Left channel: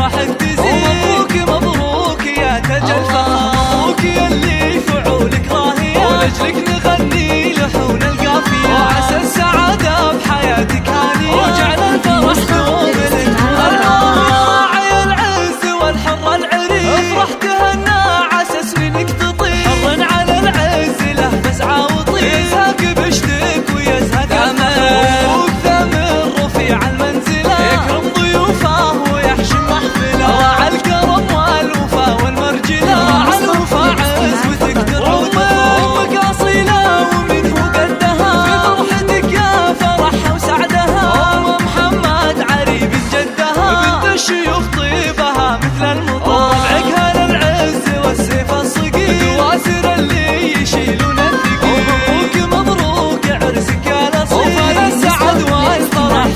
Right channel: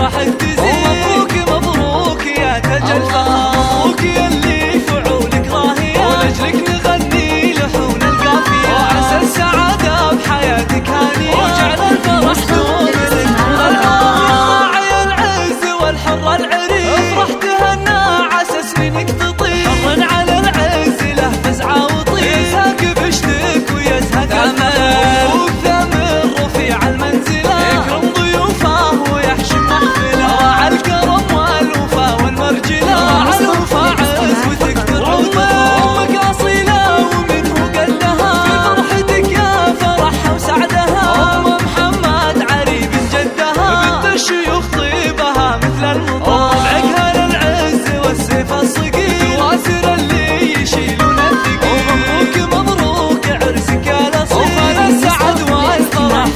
افراحك تزيد. ومبروك مبروك يا تاج الفخر، مبروك يلي فعولك راهية، ولجلك نغني لحون القافية، وعسى السعادة بحياتك هانية، وجعل الفرح دوم لك. الله يا راعي العز والحر العريق، افرح تهنى عسى سنينك تطير، حر على العز له فزعة وطير، يزهق بشتك ويزهق الفخر. مبروك ثامر رفيع المنزلة، يكرم ضيوفه ويحشم محفله، راعى الكرم والوفا والمرجلة، راعى الوفا عزوتك ترعى وتفرح. امك اصيلة ومنه قدها، في فرحتك يا فرحها وسعدها، ام محمد عريب جدها، بنت الشيوخ طيبها مثل المطر، طبعك للعز والسيف الصقيل، دواسر اللي يشيلون الثقيل. ومبروك مبروك عرسك يا الاصيل، وفال السعد والفرح